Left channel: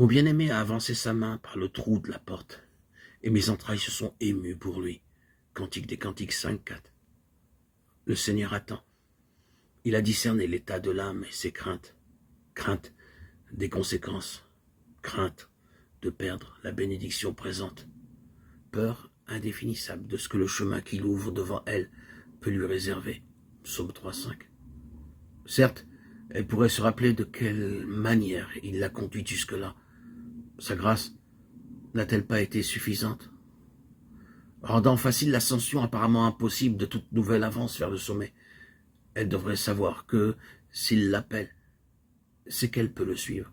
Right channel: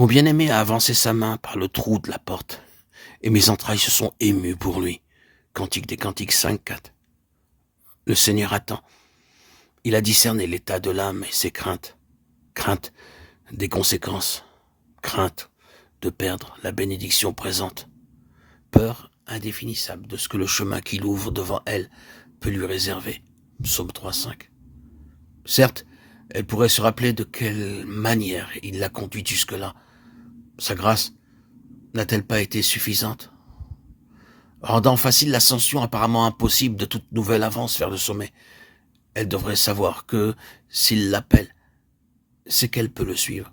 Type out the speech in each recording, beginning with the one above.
Mon bien-aimé a avancé sa main par le trou de la porte, et mes entrailles se sont émues pour lui. Cantique des Cantiques 5-4. Le Seigneur attend. Il a discerné l'état de l'âme et ses craintes. Crainte des conséquences. Crainte de perdre la bénédiction présente. Peur indéfinissable de ce que le chemin qu'il ouvre devant elle peut lui réserver. Psaume 3-5. Certes, elle pourrait se rappeler de quelle manière il l'a conduite jusque-là. Sa grâce n'a-t-elle pas été suffisante, rendant facile l'ascension apparemment impossible de toute nouvelle avance vers le sommet? Elle devrait savoir que, s'il l'appelle, c'est qu'elle peut le suivre.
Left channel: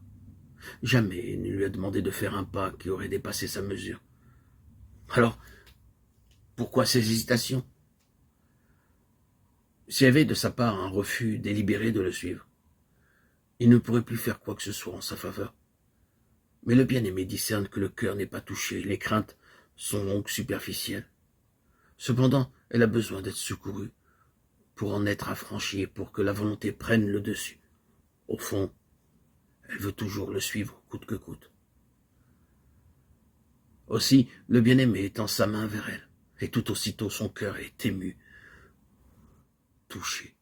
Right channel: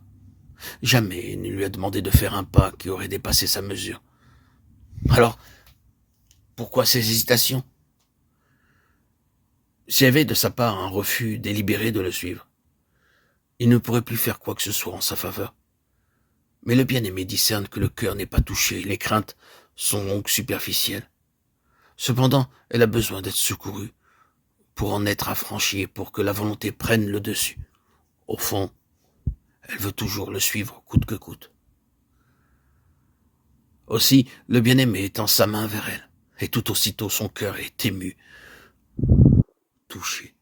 Jamais il ne lui a demandé de faire un pas qui aurait dépassé sa mesure. Alors, pourquoi ces hésitations? S'il y avait de sa part un refus délibéré de le suivre, il ne pourrait plus faire quoi que ce soit en sa faveur. Mais le bien-aimé discerne que le cœur n'est pas touché, les craintes sont donc superficielles. Cependant, elle a besoin d'être secourue pour en être affranchie et pour que la volonté prenne le dessus. Au fond, elle veut toujours le suivre coûte que coûte. Aussi, le bien-aimé étend sa main vers elle, et tout aussitôt son cœur est ému, touché.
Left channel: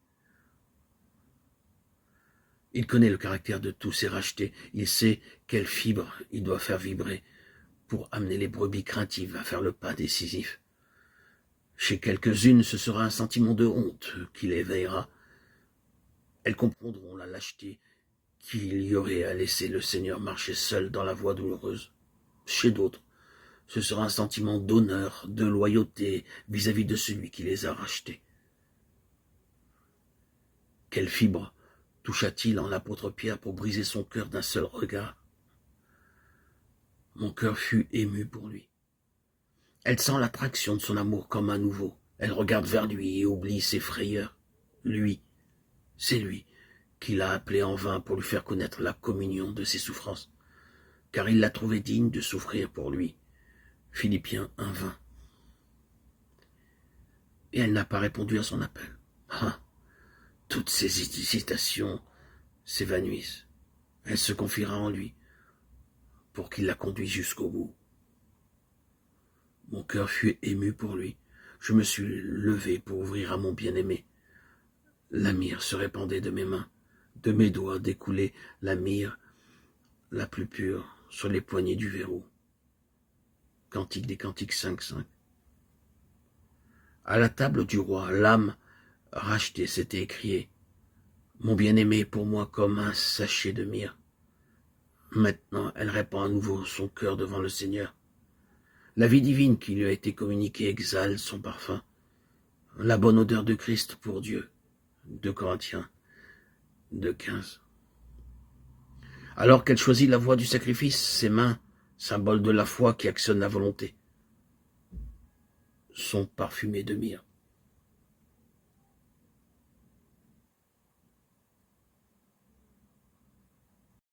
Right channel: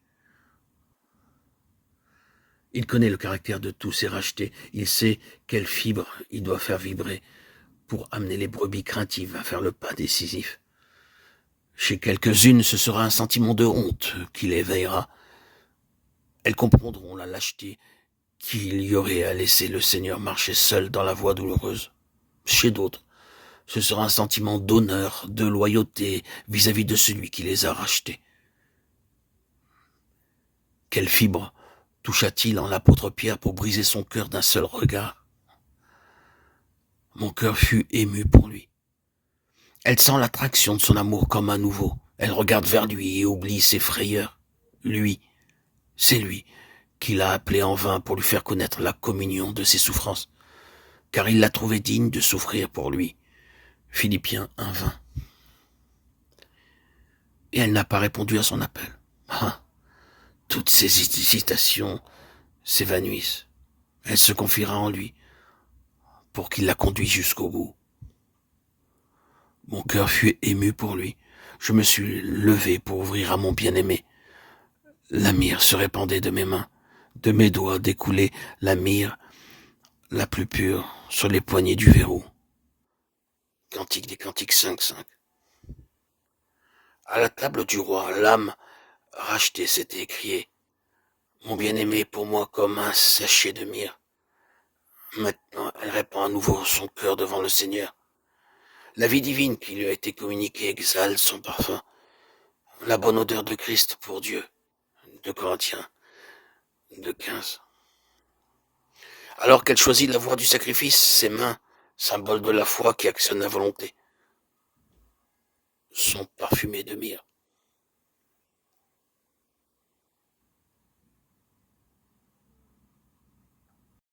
Il connaît le caractère de tous ses rachetés, il sait quelle fibre il doit faire vibrer pour amener les brebis craintives à faire le pas décisif. Chez quelques-unes, ce sera un sentiment de honte qui les éveillera. Elles comprendront la lâcheté qu'il y aurait à laisser le Seigneur marcher seul dans la voie douloureuse. Chez d'autres, ce sera un sentiment d'honneur, de loyauté vis-à-vis de celui qui les a rachetés. Quelle fibre toucha-t-il en l'apôtre Pierre pour briser son cœur d'un seul regard? Mon cœur fut ému pour lui. Elle sent l'attraction de son amour comme un nouveau. Elle regarde vers lui et oublie ses frayeurs. Lui, c'est lui qui l'a appelé en vain pour lui faire connaître la communion de ses souffrances, car il l'a trouvé digne de souffrir pour lui. Philippiens 1:20. Et elle n'a pas répondu à son appel. Ah, toutes ses hésitations s'évanouissent. Elle se confiera en lui pour qu'il la conduise jusqu'au bout. Mon cœur fut ému pour lui. Je me suis levé pour ouvrir à mon bien-aimé. La myrrhe se répandait de mes mains. De mes doigts découlait la myrrhe la plus pure sur les poignées du verrou. Cantique des Cantiques 5:5. À la table du roi, l'âme rachetée s'était écriée. Mon bien-aimé est pour moi comme un sachet de myrrhe. Maintenant, elle répand à nouveau son cœur devant le Seigneur. La vie divine qui lui a été communiquée exhale son parfum. La bonne odeur de Christ pour Dieu. 2 Corinthiens 2:15. Alors qu'elle choisit la voie du sacrifice, ses mains, symbole de la foi qui actionne la volonté, sont parfumées de myrrhe.